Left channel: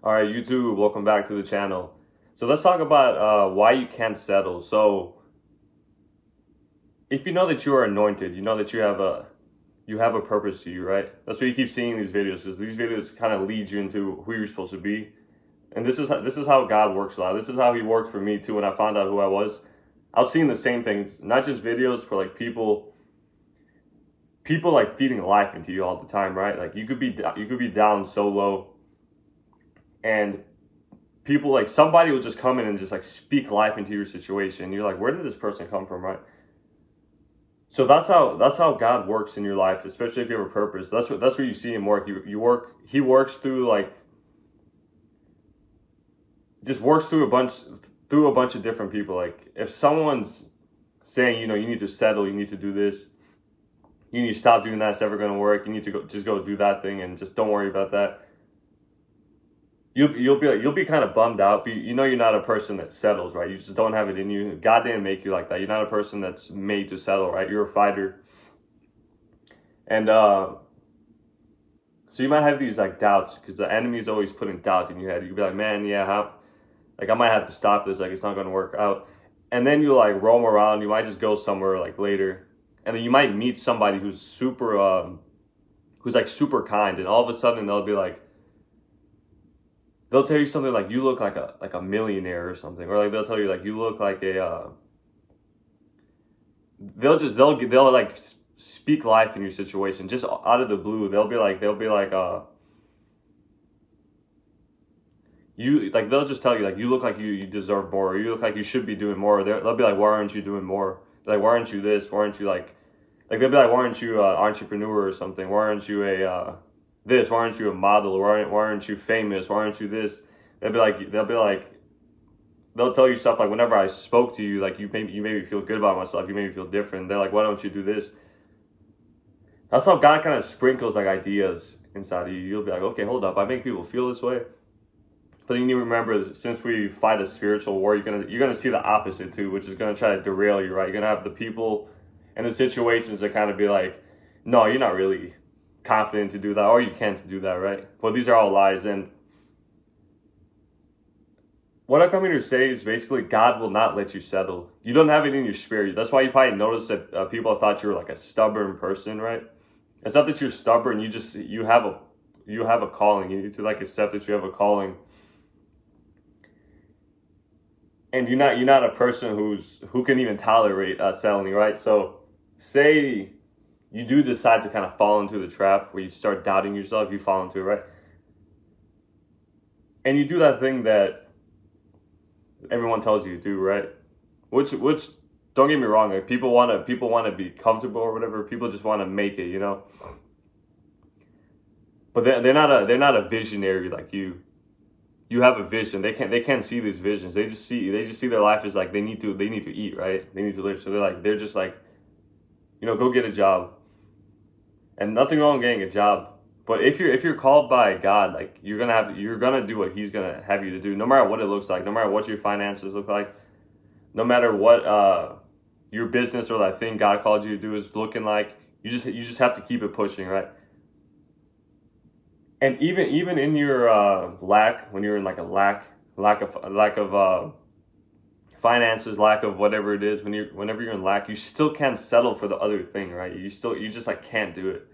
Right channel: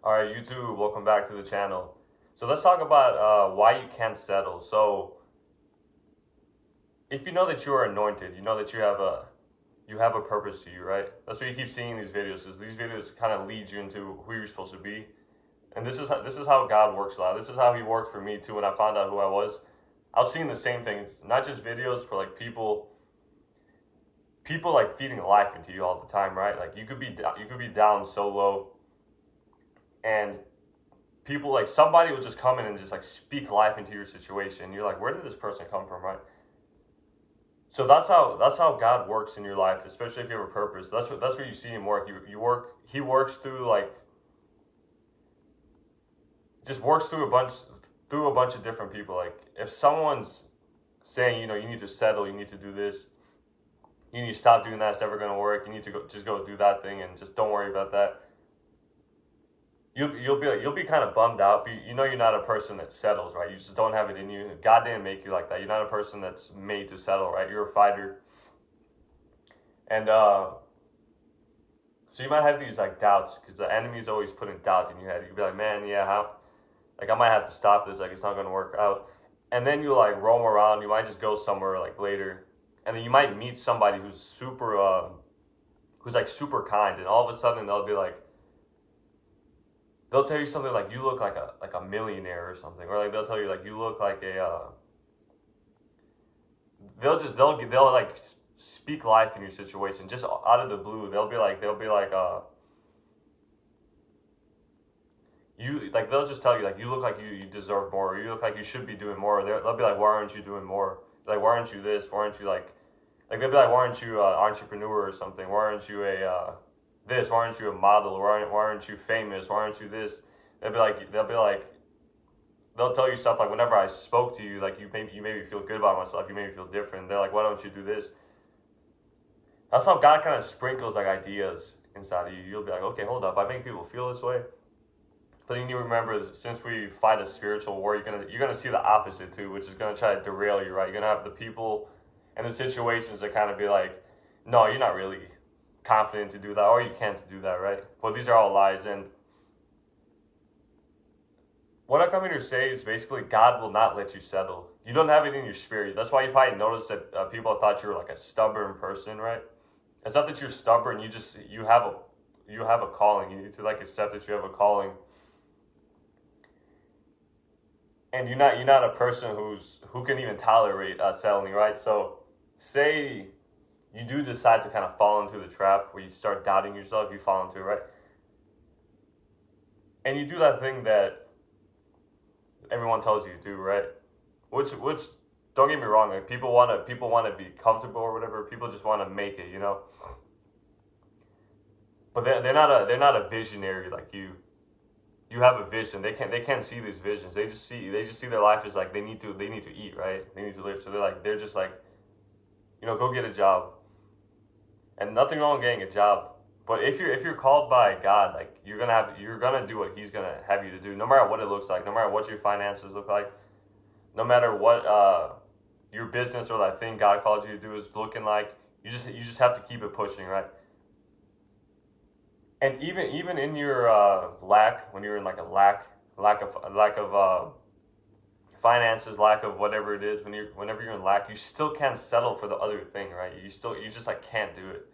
All right, YouTube, welcome back to the channel. So let's talk about why you can't settle. So if you know that you are anointed, you know that you have a purpose to you, right? That's why you keep seeing these videos, because these videos kind of lead you into who you're supposed to be. And this is how God works a lot. This is how He worked for me too. When I found out who I was seeing the same things, not just videos, for like people like feeding life into you all the time, right? Like you could be down so low, and people like somebody will just come in and just like speak life into your situation. You're like, where did this person come from, right? So that's how God works in your life, especially if you have a purpose. That's where you see Him work. He works through like just works through a bunch of different people. Like if someone's saying, you need to settle, you need to do this, you need to stop doing that, it's never gonna work. You need to go do that thing and just don't worry about that. You'll be kind of bummed out. But you're not a person that settles, right? You just don't have it in you. God didn't make you like that. You're not a person that's made to settle, right? You're a fighter, and so you might have these like doubts because the enemy is always putting doubt in your head. You'll be like, man, yeah, how? Like I might have to stop this. Like it's not gonna work out. And then you like roam around. You might just go somewhere like later, and then you might meet somebody who's like super kind, and all of a sudden they'll tell you something like you look like a millionaire or something, or like they'll tell you like you look like a they'll like speak life in your situation just out of the blue. They'll be like they'll just tell you like you look like you deserve more, or you look like you should be doing more. They'll be like, why aren't you doing more? Like why aren't you this? Why aren't you like they'll be like, why aren't you an entrepreneur or something? Why aren't you a this? Why aren't you a model? Why aren't you famous? Why aren't you this? They'll be like they'll tell you stuff like, whenever I spoke to you, like you made me feel good about myself. You made me feel different. They're like, why don't you do this? That's how God kind of sprinkles like ideas inside of you. You'll be like, okay, hold up, I make people feel this way. But then you need to remember, since we fight a spiritual war, you're gonna see the opposite too, which is gonna try to derail you, right? You're gonna have the people and the situations that kind of be like, no, you're not really confident to do that, or you can't do that, right? But these are all lies. And what I come here to say is basically God will not let you settle. You don't have it in your spirit. That's why you probably noticed that people thought you were like a stubborn person, right? It's not that you're stubborn. You have a calling. You need to like accept that you have a calling, and you're not a person who can even tolerate settling, right? So, say you do decide to kind of fall into the trap where you start doubting yourself. You fall into it, right? And you do that thing that everyone tells you to do, right? Which don't get me wrong, like people wanna be comfortable or whatever. People just want to make it. But they're not a visionary like you. You have a vision. They can't see these visions. They just see their life as like they need to eat, right? They need to live. So they're just like, go get a job. And nothing wrong with getting a job. But if you're called by God, like you're gonna do what He's gonna have you to do, no matter what it looks like, no matter what your finances look like, no matter what your business or that thing God called you to do is looking like. You just have to keep it pushing, right? And even in your lack, when you're in like a lack of finances, lack of whatever it is, whenever you're in lack, you still can't settle for the other thing, right? You just like can't do it.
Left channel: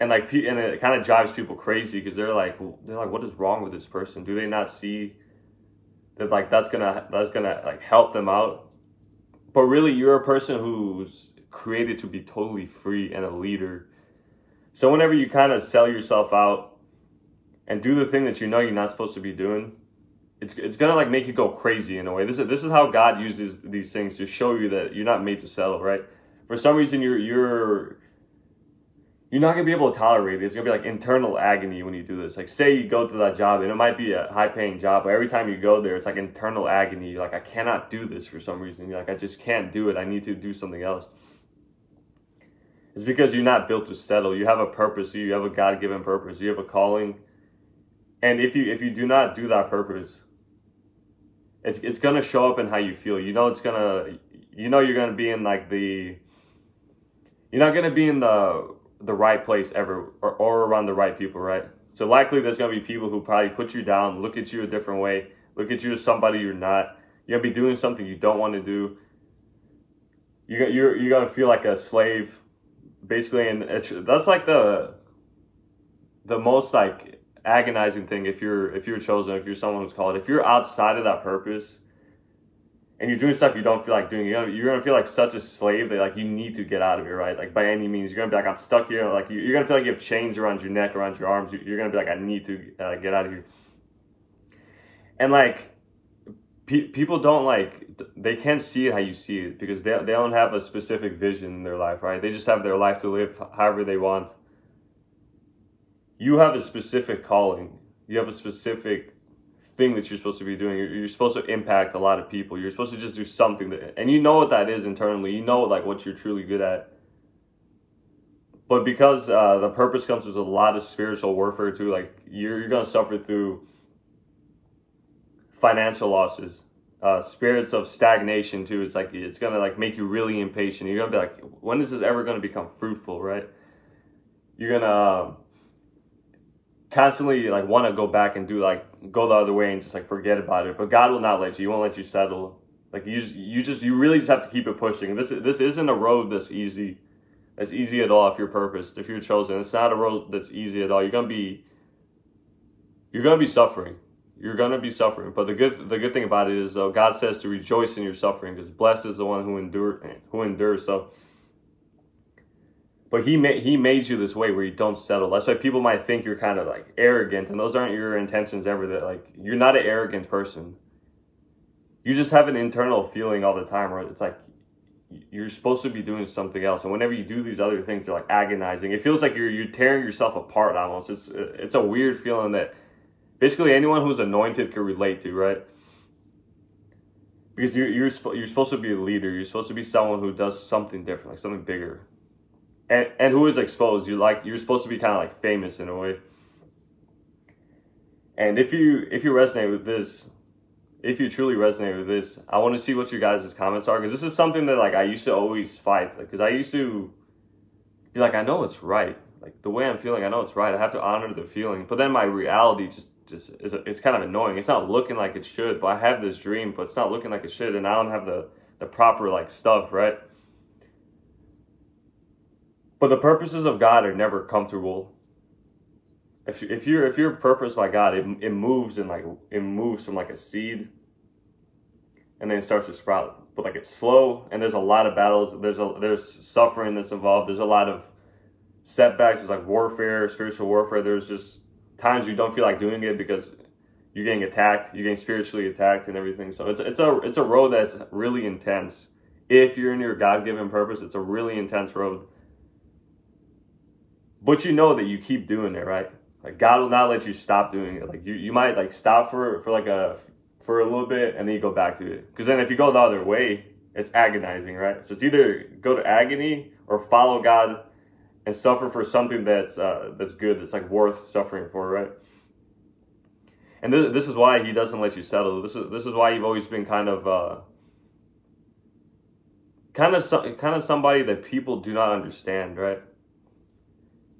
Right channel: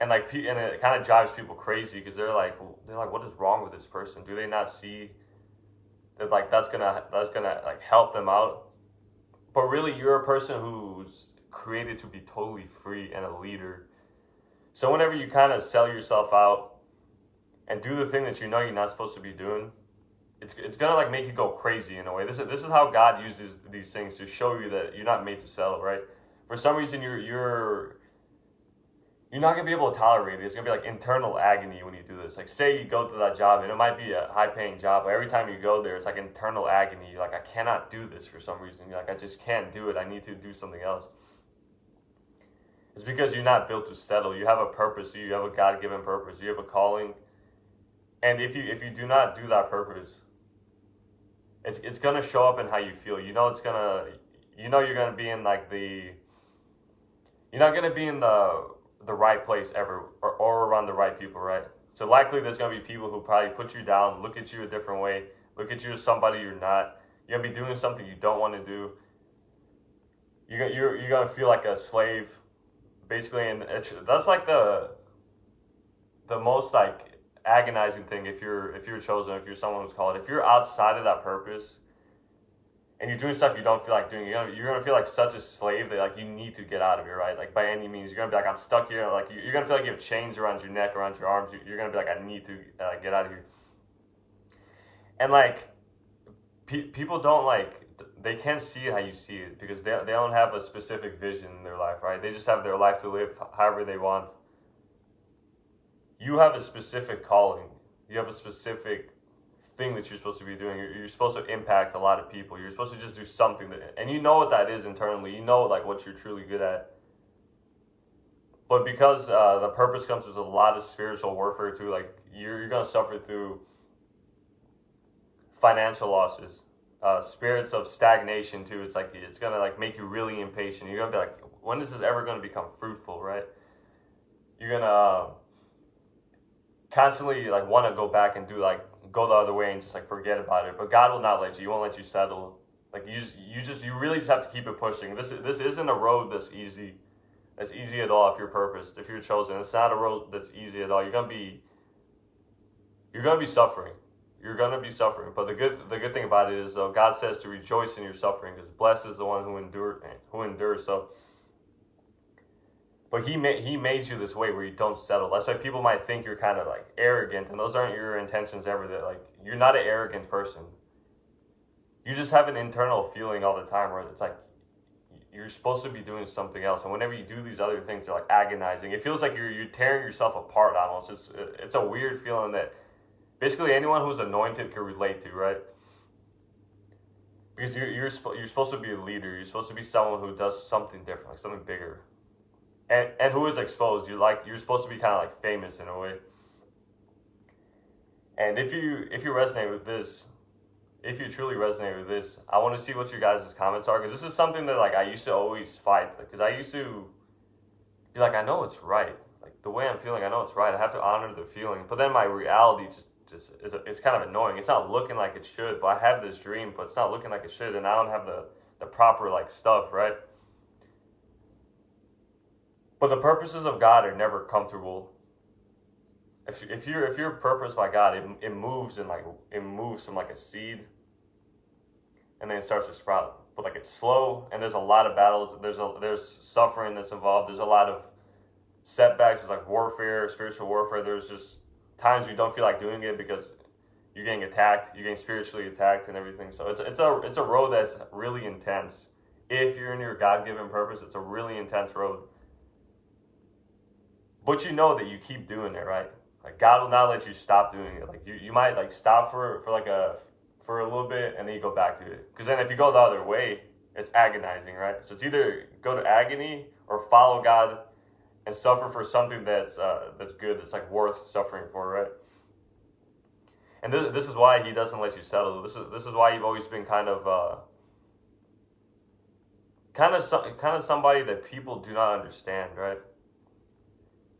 And and it kind of drives people crazy, because they're like, what is wrong with this person? Do they not see that like that's gonna like help them out? But really, you're a person who's created to be totally free and a leader. So whenever you kind of sell yourself out and do the thing that you're not supposed to be doing, it's gonna like make you go crazy in a way. This is how God uses these things to show you that you're not made to settle, right? For some reason, you're not gonna be able to tolerate it. It's gonna be like internal agony when you do this. Like, say you go to that job, and it might be a high paying job, but every time you go there, it's like internal agony. You're like, I cannot do this for some reason. You're like, I just can't do it. I need to do something else. It's because you're not built to settle. You have a purpose. You have a God given purpose. You have a calling. And if you do not do that purpose, it's gonna show up in how you feel. You're gonna be in like you're not gonna be in the right place ever, or around the right people, right? So likely there's going to be people who probably put you down, look at you a different way, look at you as somebody you're not. You're going to be doing something you don't want to do. You're going to feel like a slave, basically. And that's like the most like agonizing thing if you're chosen, if you're someone who's called. If you're outside of that purpose and you're doing stuff you don't feel like doing, you're gonna feel like such a slave that like you need to get out of it, right? Like by any means, you're gonna be like, I'm stuck here. Like you're gonna feel like you have chains around your neck, around your arms. You're gonna be like, I need to get out of here. And like people don't like, they can't see it how you see it because they don't have a specific vision in their life, right? They just have their life to live however they want. You have a specific calling. You have a specific thing that you're supposed to be doing. You're supposed to impact a lot of people. You're supposed to just do something that, and you know what that is internally. You know like what you're truly good at. But because the purpose comes with a lot of spiritual warfare too, like you're gonna suffer through financial losses, spirits of stagnation too. It's like it's gonna like make you really impatient. You're gonna be like, when is this ever gonna become fruitful, right? You're gonna constantly like want to go back and do like go the other way and just like forget about it, but God will not let you. He won't let you settle. Like you really just have to keep it pushing. This isn't a road that's easy at all. If you're purposed, if you're chosen, it's not a road that's easy at all. You're gonna be suffering. You're gonna be suffering. But the good thing about it is God says to rejoice in your suffering, because blessed is the one who endures. So but he made you this way where you don't settle. That's why people might think you're kind of like arrogant, and those aren't your intentions ever. That like you're not an arrogant person. You just have an internal feeling all the time where it's like you're supposed to be doing something else, and whenever you do these other things, they're like agonizing. It feels like you're tearing yourself apart almost. It's a weird feeling that basically anyone who's anointed can relate to, right? Because you're supposed to be a leader. You're supposed to be someone who does something different, like something bigger. And who is exposed. You're supposed to be kind of like famous in a way. And if you resonate with this, if you truly resonate with this, I want to see what your guys' comments are, because this is something that like I used to always fight, because I used to be like, I know it's right, like the way I'm feeling, I know it's right. I have to honor the feeling, but then my reality just is it's kind of annoying. It's not looking like it should, but I have this dream, but it's not looking like it should, and I don't have the proper like stuff, right? But the purposes of God are never comfortable. If you're purposed by God, it moves and like it moves from like a seed, and then it starts to sprout. But like it's slow, and there's a lot of battles. There's suffering that's involved. There's a lot of setbacks. There's like warfare, spiritual warfare. There's just times you don't feel like doing it because you're getting attacked. You're getting spiritually attacked and everything. So it's a road that's really intense. If you're in your God-given purpose, it's a really intense road. But you know that you keep doing it, right? Like God will not let you stop doing it. Like you might like stop for a little bit, and then you go back to it. Because then if you go the other way, it's agonizing, right? So it's either go to agony or follow God and suffer for something that's good, that's like worth suffering for, right? And this is why He doesn't let you settle. This is why you've always been kind of somebody that people do not understand, right?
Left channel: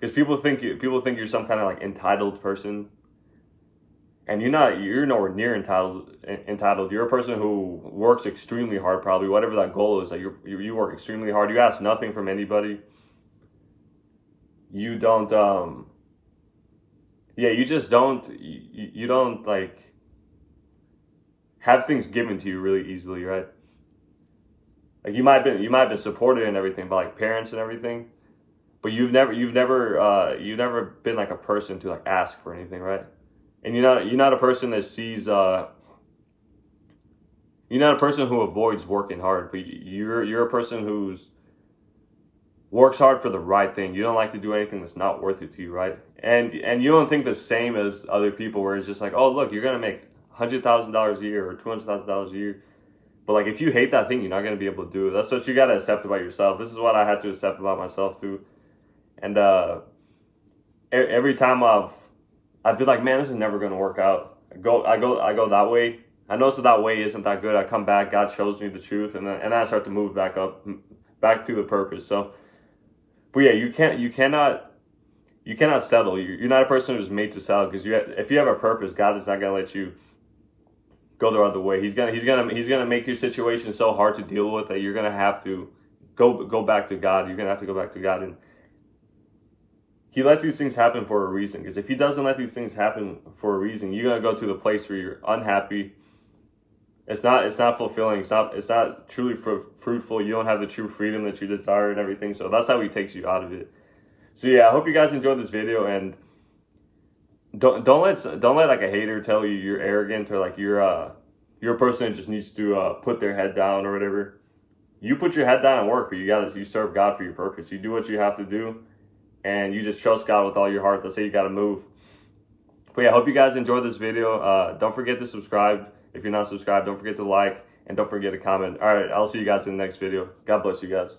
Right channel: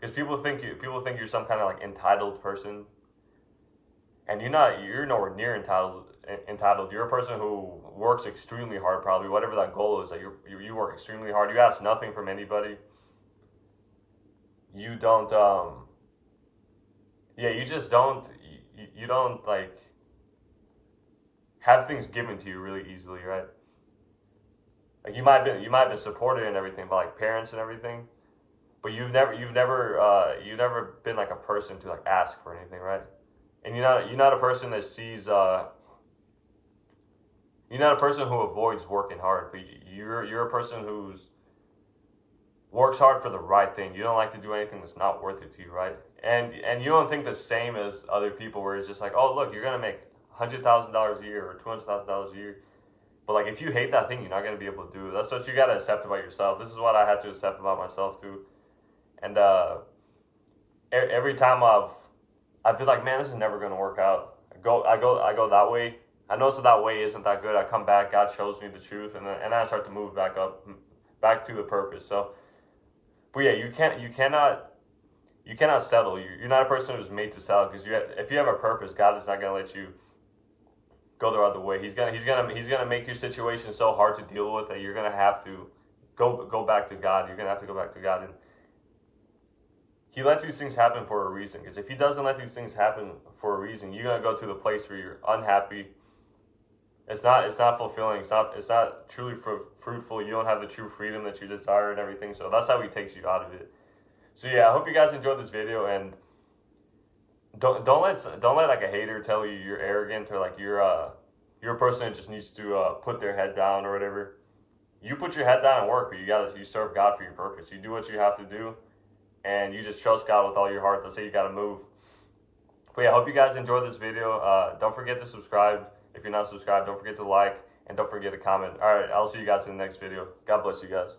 Because people think you're some kind of like entitled person, and you're not. You're nowhere near entitled. You're a person who works extremely hard, probably whatever that goal is. Like you work extremely hard. You ask nothing from anybody. You don't. You just don't. You don't like have things given to you really easily, right? Like you might have been supported and everything by like parents and everything. But you've never been like a person to like ask for anything, right? And you're not a person that sees you're not a person who avoids working hard, but you're a person who's works hard for the right thing. You don't like to do anything that's not worth it to you, right? And you don't think the same as other people, where it's just like, oh look, you're gonna make $100,000 a year or $200,000 a year. But like if you hate that thing, you're not gonna be able to do it. That's what you gotta accept about yourself. This is what I had to accept about myself too. And every time I've been like, man, this is never gonna work out. I go that way. I notice that way isn't that good. I come back, God shows me the truth, and then I start to move back up, back to the purpose. So, but yeah, you you cannot settle. You're not a person who's made to settle, because if you have a purpose, God is not gonna let you go the other way. He's gonna make your situation so hard to deal with that you're gonna have to go back to God. You're gonna have to go back to God, and He lets these things happen for a reason. Because if He doesn't let these things happen for a reason, you're gonna go to the place where you're unhappy. It's not fulfilling. It's not truly fruitful. You don't have the true freedom that you desire and everything. So that's how He takes you out of it. So yeah, I hope you guys enjoyed this video, and don't let like a hater tell you you're arrogant, or like you're a person that just needs to put their head down or whatever. You put your head down and work, but you serve God for your purpose. You do what you have to do, and you just trust God with all your heart. That's how you got to move. But yeah, I hope you guys enjoyed this video. Don't forget to subscribe. If you're not subscribed, don't forget to like, and don't forget to comment. All right, I'll see you guys in the next video. God bless you guys.